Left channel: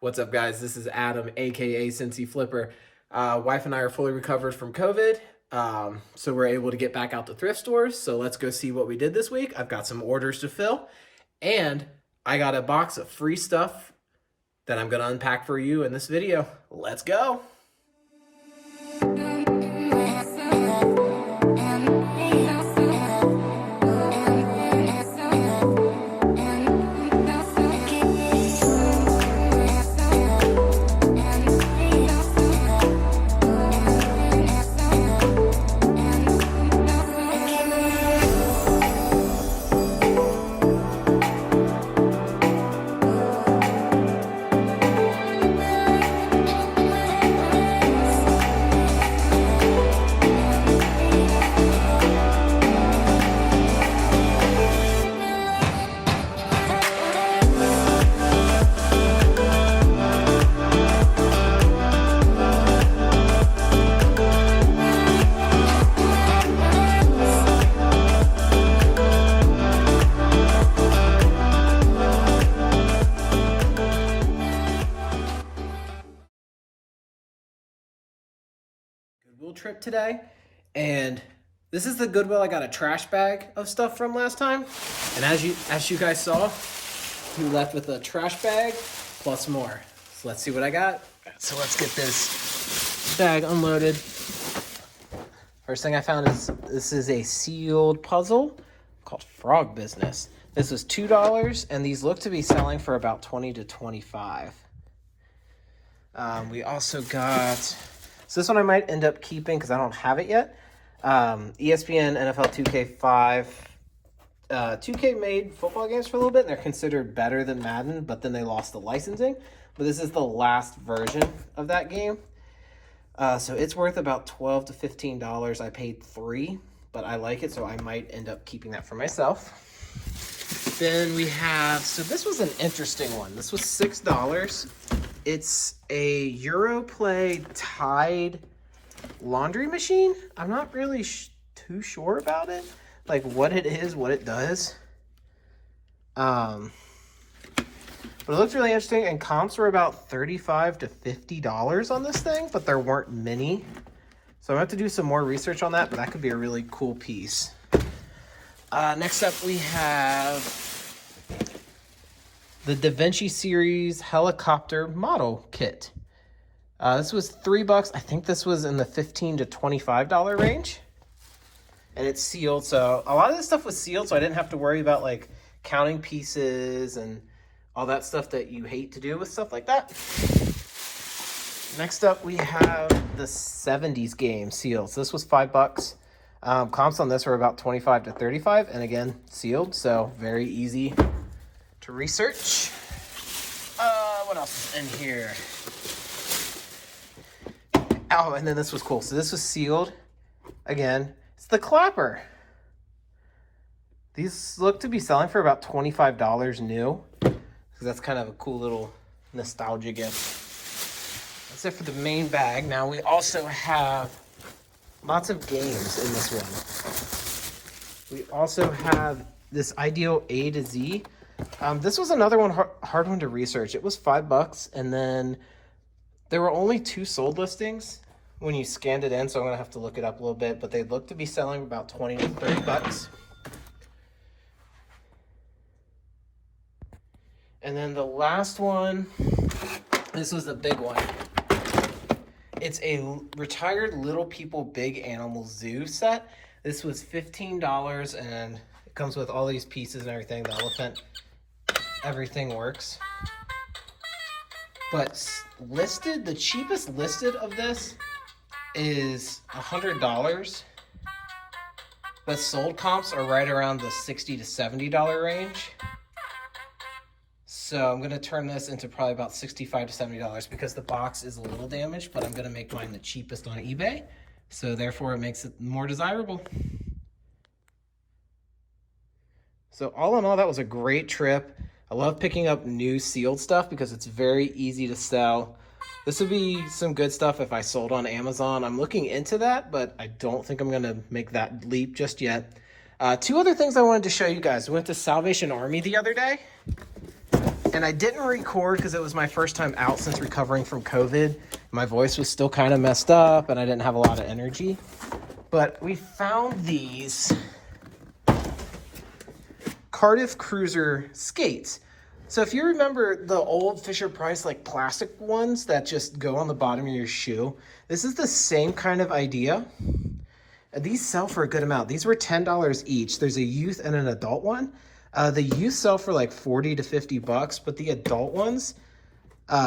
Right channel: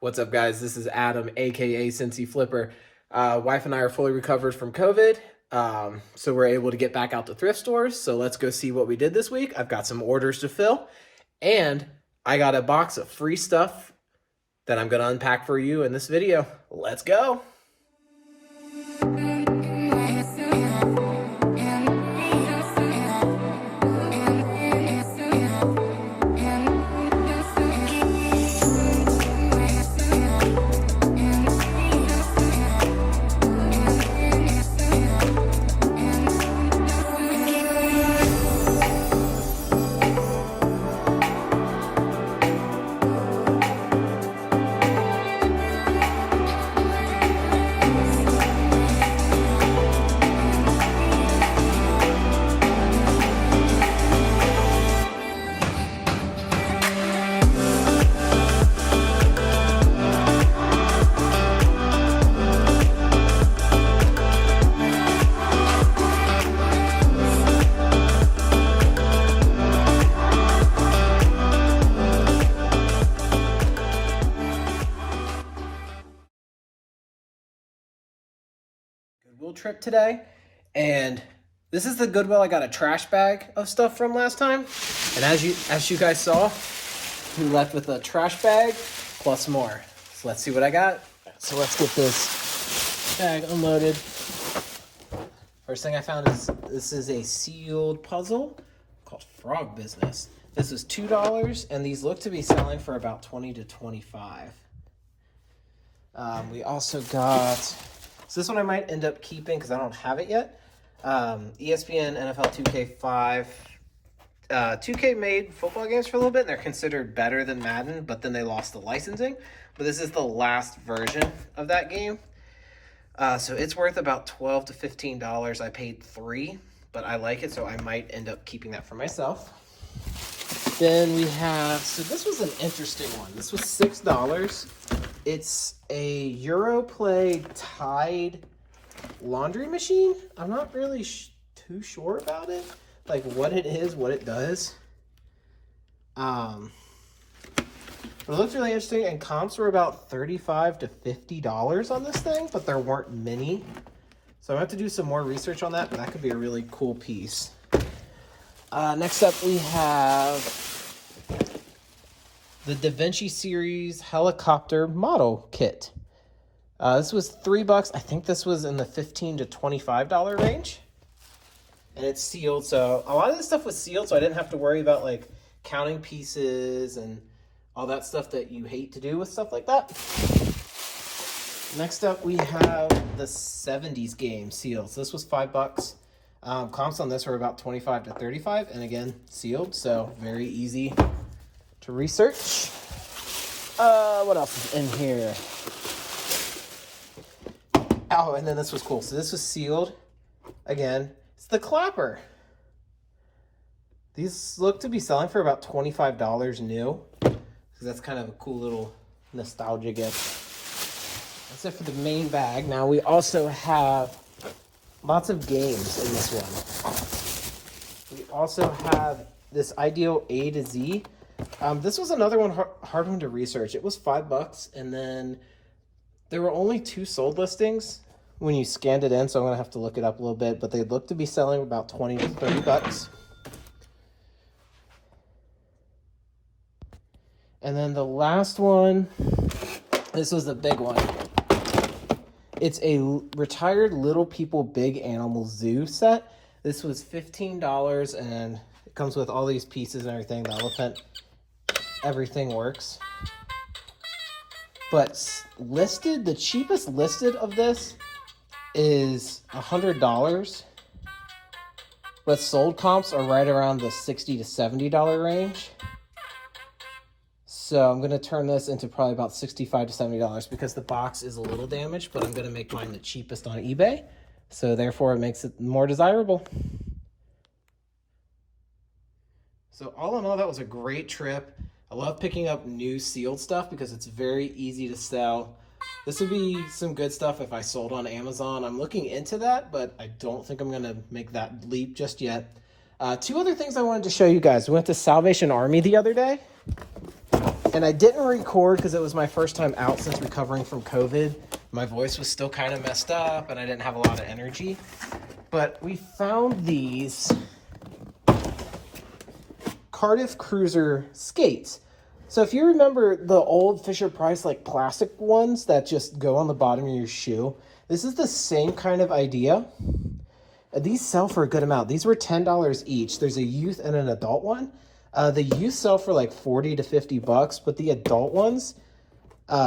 What's up, guys? This is Adam, aka Cincy Flipper. Wife and I are fully recovered from COVID, so we're able to get back out to thrift stores. So let's go see what we did this week. I've got some orders to fill, and I got a box of free stuff that I'm going to unpack for you in this video. Let's go. Goodwill trip today, and this is the Goodwill I got a trash bag of stuff from last time, and as you guys saw, we left with a trash bag plus more. So let's see what I got. So let's get this bag unloaded. First thing I found is this is a sealed puzzle called Frog Business. This was $2, and these look to be selling for about $20 to $25. We also got, so this one I might end up keeping because I don't have it yet. ESPN NFL 2K5. 2K made football games for a little bit, and they're considered better than Madden, but then they lost the licensing. But this is the last version of that game. So it's worth about $12 to $15. I paid $3, but I like it, so I might end up keeping that for myself. Then we have, so this was an interesting one. This was $6. It's a Europlay Tide laundry machine. I'm not really too sure about it, like what it is, what it does. But it looks really interesting, and comps were about $35 to $50 on this thing, but there weren't many. So I have to do some more research on that, but that could be a really cool piece. Next up, we have the Davinci series helicopter model kit. This was $3. I think this was in the $15 to $25 range. And it's sealed, so a lot of this stuff was sealed, so I didn't have to worry about like counting pieces and all that stuff that you hate to do with stuff like that. Next up, we have the 70s game sealed. So this was $5. Comps on this were about $25 to $35, and again, sealed, so very easy to research. What else is in here? Oh, and then this was cool. So this was sealed. Again, it's the clapper. These look to be selling for about $25 new. So that's kind of a cool little nostalgia gift. That's it for the main bag. Now we also have lots of games in this one. We also have this Ideal A to Z. This was another one hard one to research. It was $5, and then there were only 2 sold listings when you scanned it in, so I'm gonna have to look it up a little bit, but they look to be selling about $20 to $30. And then the last one, this was the big one. It's a retired Little People Big Animal Zoo set. This was $15, and it comes with all these pieces and everything. The elephant, everything works. But listed, the cheapest listed of this is $100. But sold comps are right around the $60 to $70 range. So I'm gonna turn this into probably about $65 to $70 because the box is a little damaged, but I'm gonna make mine the cheapest on eBay. So therefore it makes it more desirable. So all in all, that was a great trip. I love picking up new sealed stuff because it's very easy to sell. This would be some good stuff if I sold on Amazon. I'm looking into that, but I don't think I'm gonna make that leap just yet. 2 other things I wanted to show you guys. We went to Salvation Army the other day. And I didn't record because it was my first time out since recovering from COVID. My voice was still kind of messed up and I didn't have a lot of energy. But we found these Cardiff Cruiser skates. So if you remember the old Fisher-Price like plastic ones that just go on the bottom of your shoe, this is the same kind of idea. These sell for a good amount. These were $10 each. There's a youth and an adult one. The youth sell for like 40 to 50 bucks, but the adult ones,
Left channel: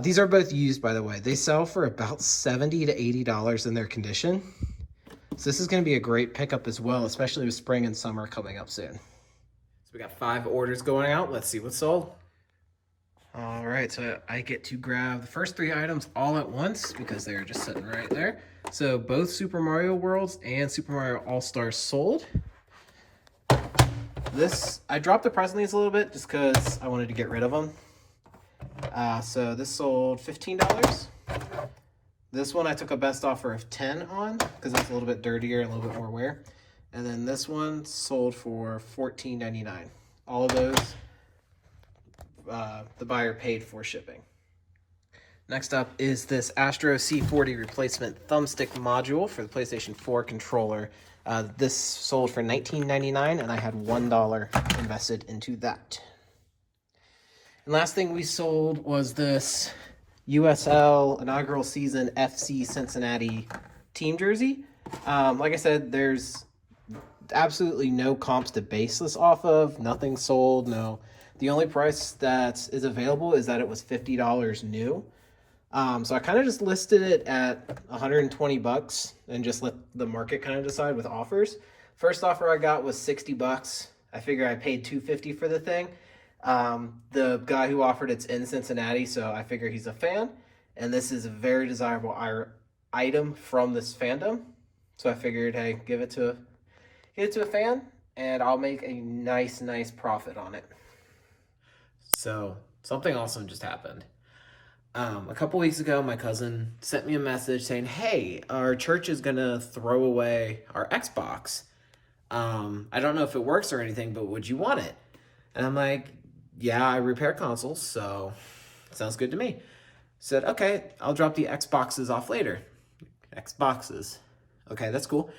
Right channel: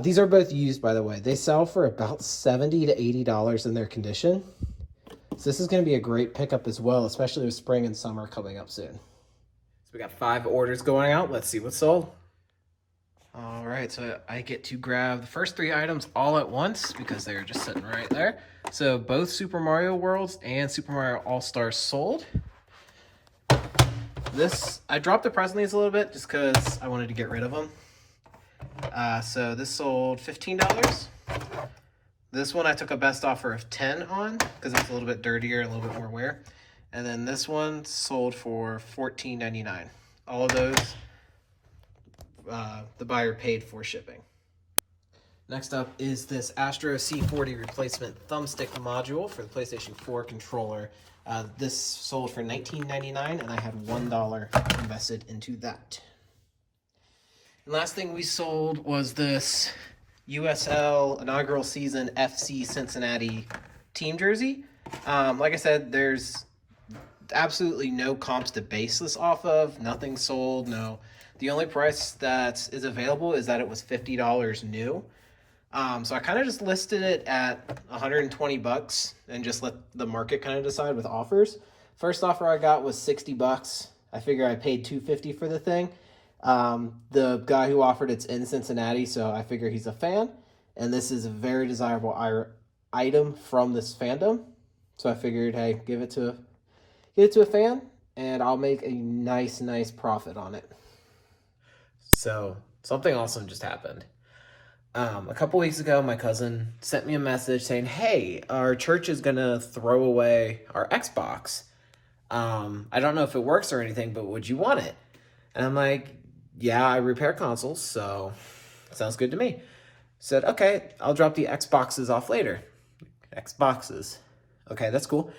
these are both used, by the way. They sell for about $70 to $80 in their condition. So this is going to be a great pickup as well, especially with spring and summer coming up soon. So we got 5 orders going out. Let's see what's sold. All right, so I get to grab the first 3 items all at once because they're just sitting right there. So both Super Mario Worlds and Super Mario All-Stars sold. I dropped the price on these a little bit just because I wanted to get rid of them. So this sold $15. This one I took a best offer of 10 on because it's a little bit dirtier, a little bit more wear. And then this one sold for $14.99. All of those, the buyer paid for shipping. Next up is this Astro C40 replacement thumbstick module for the PlayStation 4 controller. This sold for $19.99 and I had $1 invested into that. And last thing we sold was this USL inaugural season FC Cincinnati team jersey. Like I said, there's absolutely no comps to base this off of. Nothing sold, no. The only price that is available is that it was $50 new. So I kind of just listed it at 120 bucks and just let the market kind of decide with offers. First offer I got was 60 bucks. I figure I paid $250 for the thing. The guy who offered it's in Cincinnati, so I figure he's a fan. And this is a very desirable item from this fandom. So I figured, hey, give it to a fan and I'll make a nice profit on it. So something awesome just happened. A couple weeks ago, my cousin sent me a message saying, hey, our church is going to throw away our Xbox. I don't know if it works or anything, but would you want it? And I'm like, yeah, I repair consoles, so sounds good to me. Said, okay, I'll drop the Xboxes off later. Xboxes. Okay, that's cool.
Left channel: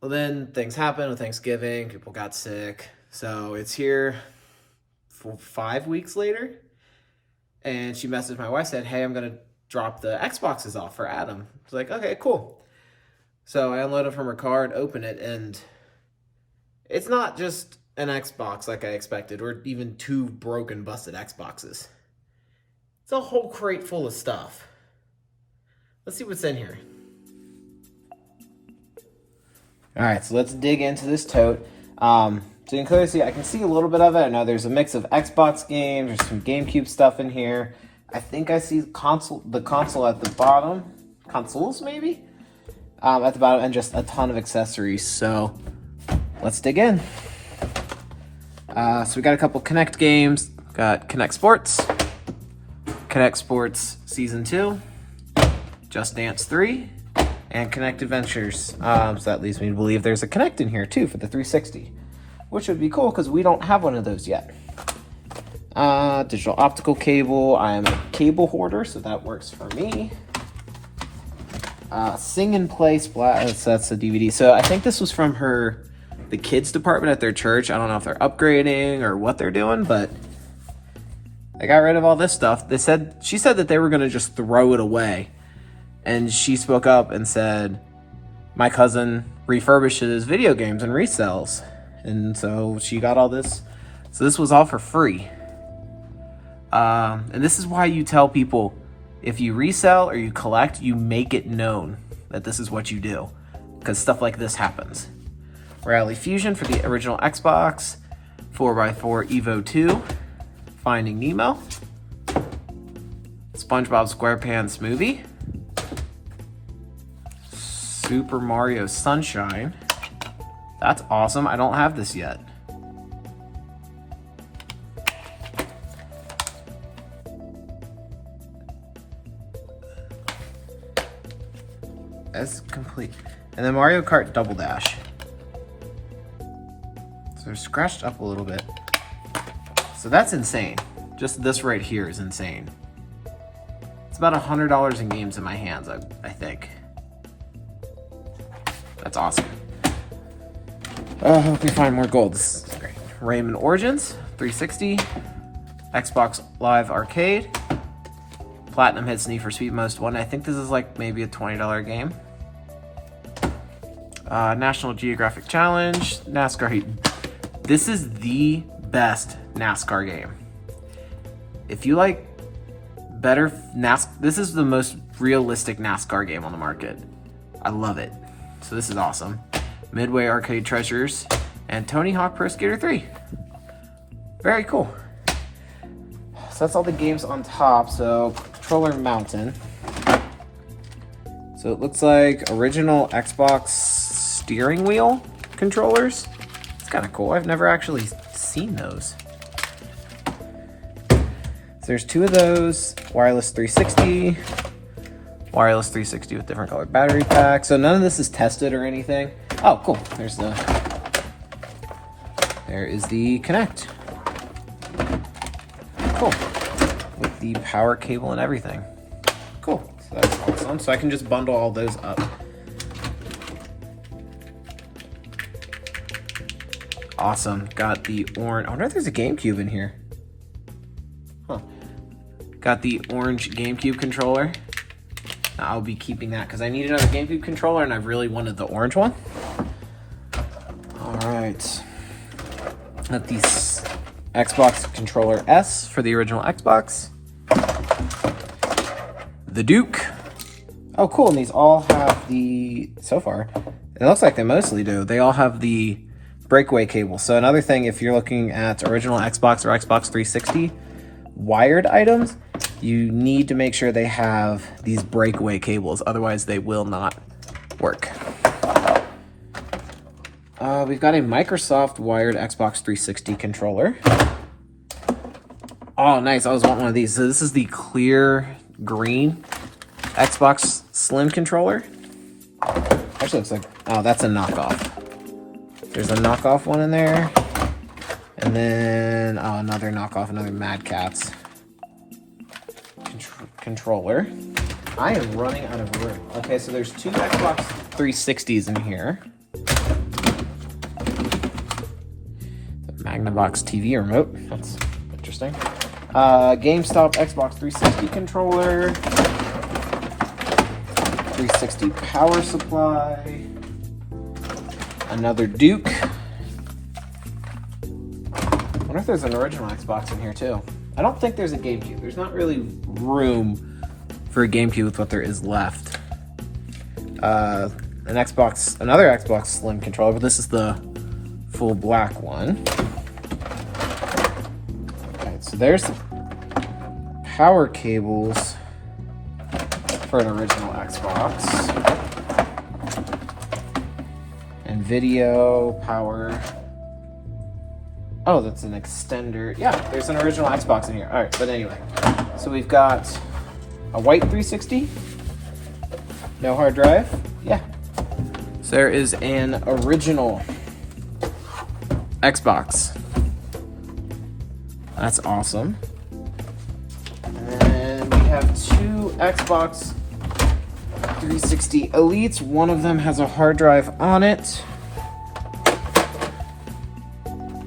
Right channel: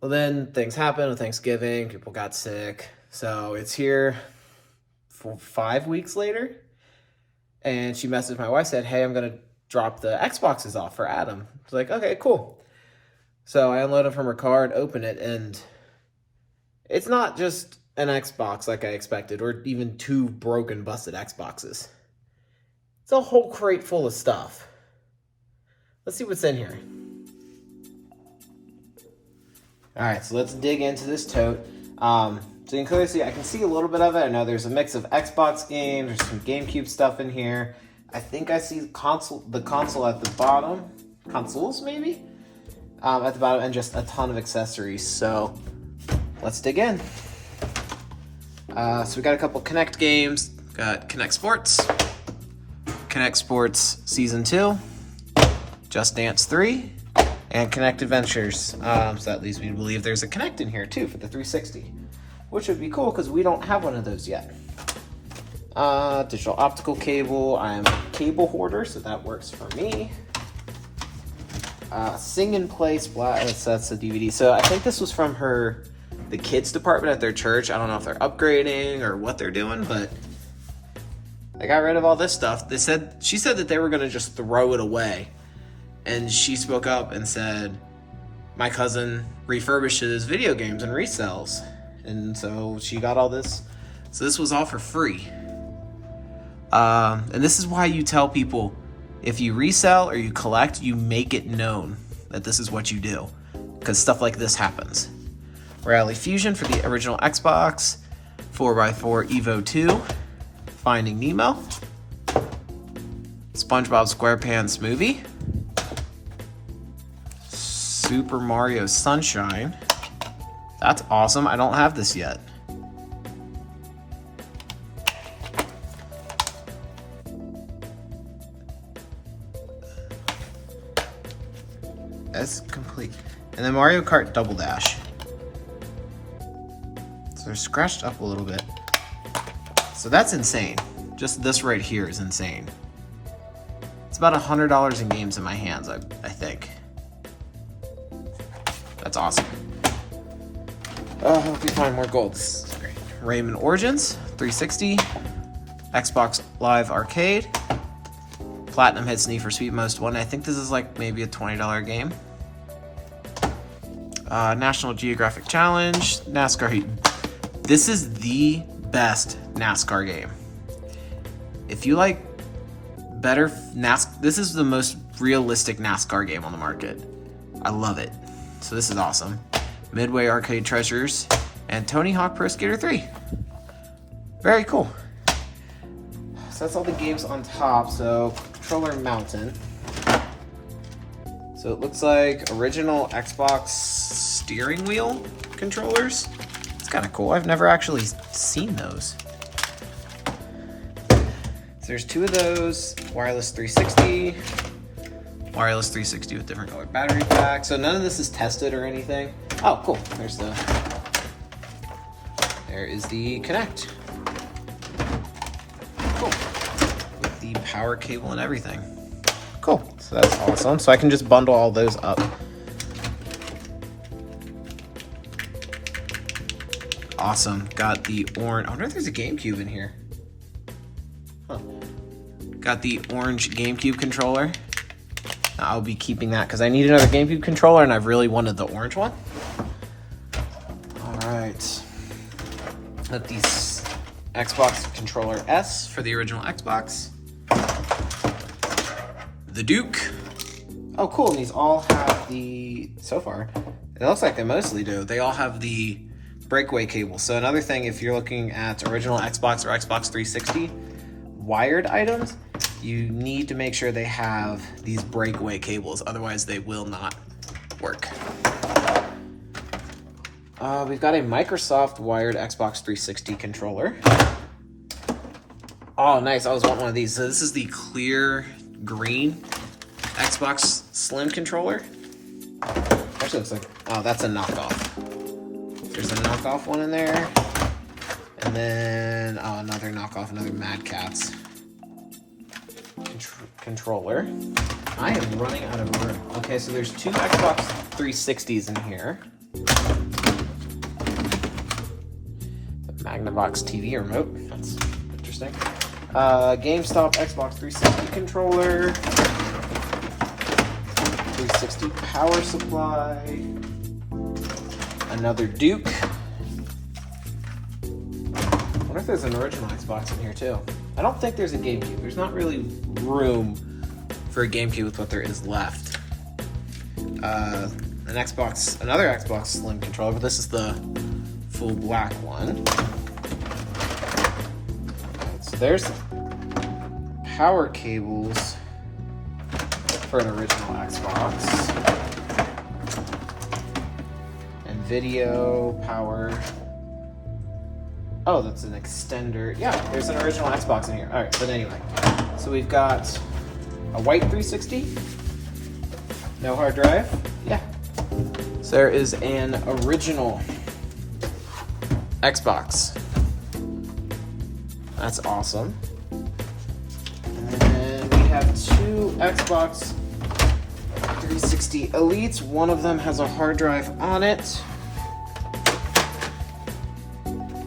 Well, then things happened with Thanksgiving. People got sick. So it's here for 5 weeks later. And she messaged my wife, said, hey, I'm going to drop the Xboxes off for Adam. I was like, okay, cool. So I unload it from her car and open it, and it's not just an Xbox like I expected, or even 2 broken, busted Xboxes. It's a whole crate full of stuff. Let's see what's in here. All right, so let's dig into this tote. So you can clearly see, I can see a little bit of it. I know there's a mix of Xbox games, there's some GameCube stuff in here. I think I see the console at the bottom. Consoles, maybe? At the bottom, and just a ton of accessories. So let's dig in. So we got a couple Kinect games. Got Kinect Sports, Kinect Sports Season 2, Just Dance 3, and Kinect Adventures. So that leads me to believe there's a Kinect in here too for the 360. Which would be cool because we don't have one of those yet. Digital optical cable. I am a cable hoarder, so that works for me. Sing and Play Splash. That's a DVD. So I think this was from the kids department at their church. I don't know if they're upgrading or what they're doing, but I got rid of all this stuff. She said that they were going to just throw it away. And she spoke up and said, my cousin refurbishes video games and resells. And so she got all this. So this was all for free. And this is why you tell people, if you resell or you collect, you make it known that this is what you do. Because stuff like this happens. Rally Fusion for the original Xbox. 4x4 Evo 2. Finding Nemo. SpongeBob SquarePants movie. Super Mario Sunshine. That's awesome. I don't have this yet. That's complete. And then Mario Kart Double Dash. So they're scratched up a little bit. So that's insane. Just this right here is insane. It's about $100 in games in my hands, I think. That's awesome. Oh, hope we find more gold. This is great. Rayman Origins, 360. Xbox Live Arcade. Platinum Hits Need for Speed Most Wanted. I think this is like maybe a $20 game. National Geographic Challenge. NASCAR Heat. This is the best NASCAR game. If you like better NASCAR, this is the most realistic NASCAR game on the market. I love it. So this is awesome. Midway Arcade Treasures and Tony Hawk Pro Skater 3. Very cool. So that's all the games on top. So Controller Mountain. So it looks like original Xbox steering wheel controllers. It's kind of cool. I've never actually seen those. So there's 2 of those. Wireless 360. Wireless 360 with different colored battery packs. So none of this is tested or anything. Oh, cool. There is the Kinect. Cool. With the power cable and everything. Cool. So that's awesome. So I can just bundle all those up. Awesome. Got the orange. I wonder if there's a GameCube in here. Huh. Got the orange GameCube controller. I'll be keeping that because I need another GameCube controller and I've really wanted the orange one. All right. Got the Xbox Controller S for the original Xbox. The Duke. Oh, cool. And these all have the, so far, it looks like they mostly do. They all have the breakaway cable. So another thing, if you're looking at original Xbox or Xbox 360 wired items, you need to make sure they have these breakaway cables. Otherwise, they will not work. We've got a Microsoft wired Xbox 360 controller. Oh, nice. I was wanting one of these. So this is the clear green Xbox Slim controller. Actually, looks like, oh, that's a knockoff. There's a knockoff one in there. And then, oh, another knockoff, another Mad Catz controller. I am running out of room. Okay, so there's 2 Xbox 360s in here. Magnavox TV remote. That's interesting. GameStop Xbox 360 controller. 360 power supply. Another Duke. I wonder if there's an original Xbox in here too. I don't think there's a GameCube. There's not really room for a GameCube with what there is left. Another Xbox Slim controller, but this is the full black one. So there's power cables for an original Xbox. And video, power. Oh, that's an extender. Yeah, there's an original Xbox in here. All right, but anyway. So we've got a white 360. No hard drive. Yeah. So there is an original Xbox. That's awesome. And then we have 2 Xbox 360 Elites. One of them has a hard drive on it.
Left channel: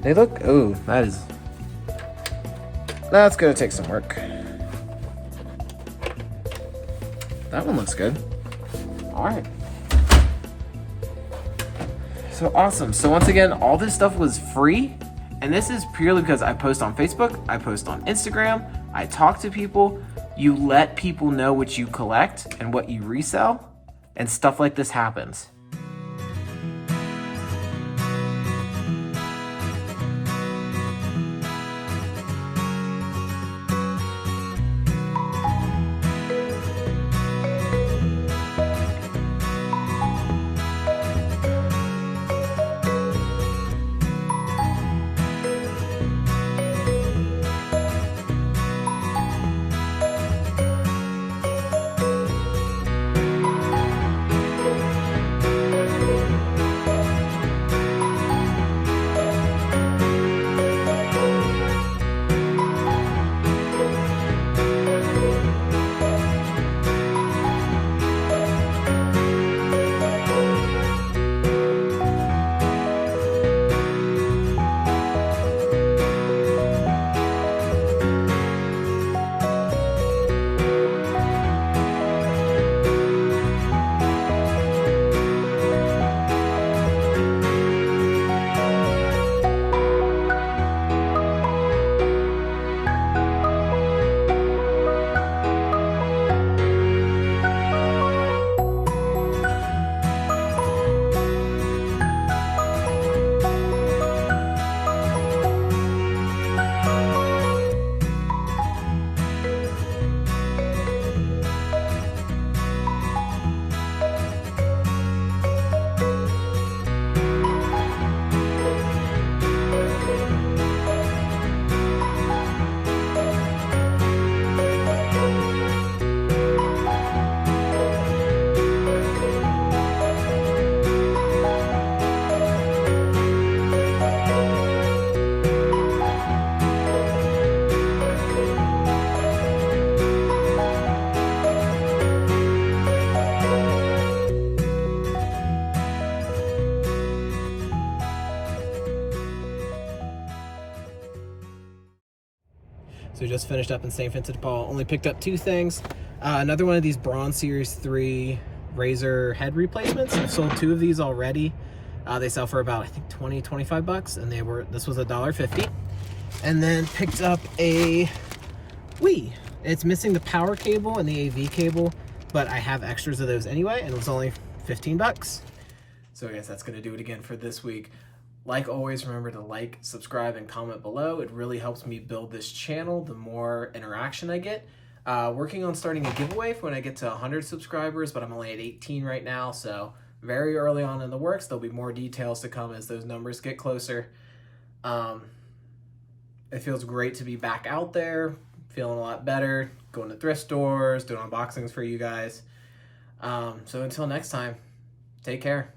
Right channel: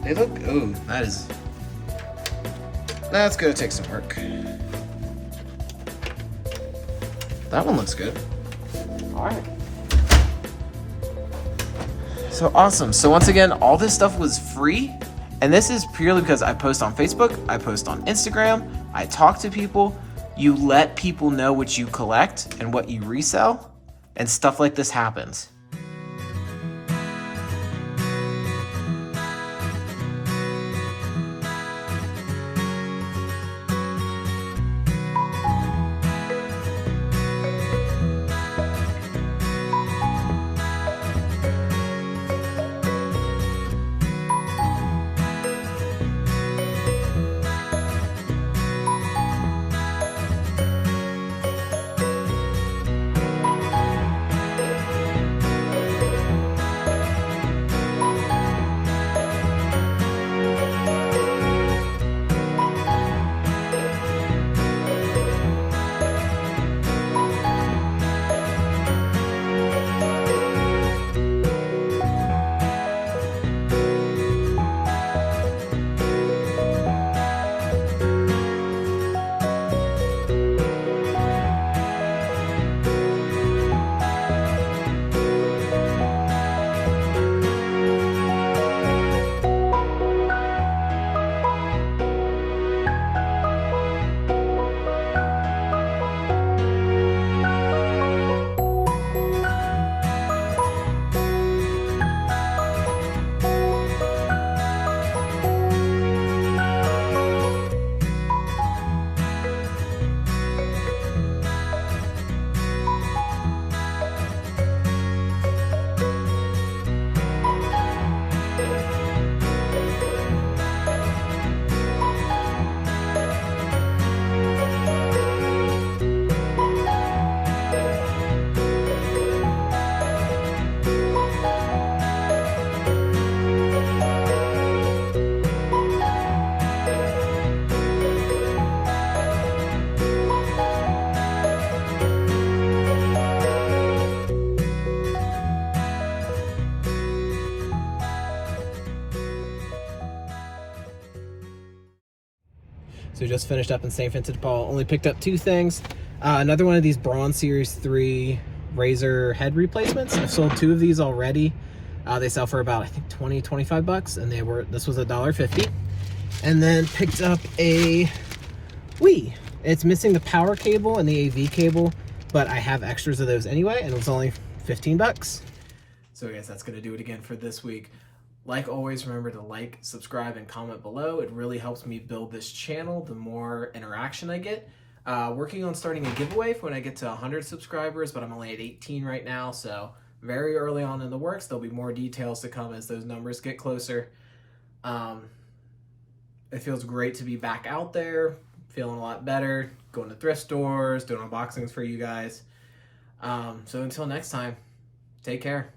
They look, oh, that's gonna take some work. That one looks good. All right. So awesome. So once again, all this stuff was free. And this is purely because I post on Facebook, I post on Instagram, I talk to people. You let people know what you collect and what you resell, and stuff like this happens. So just finished up in St. Vincent de Paul. Only picked up 2 things. Another one of these Bronze Series 3 razor head replacements. I've sold 2 of these already. They sell for about, I think, 25 bucks, and this was $1.50. And then picked up a Wii. It's missing the power cable and the AV cable, but I have extras of those anyway, and it was only 15 bucks. So I guess that's gonna do it again for this week. Like always, remember to like, subscribe, and comment below. It really helps me build this channel the more interaction I get. Working on starting a giveaway for when I get to 100 subscribers, but I'm only at 18 right now, so very early on in the works. There'll be more details to come as those numbers get closer. It feels great to be back out there, feeling a lot better, going to thrift stores, doing unboxings for you guys. So until next time, take care.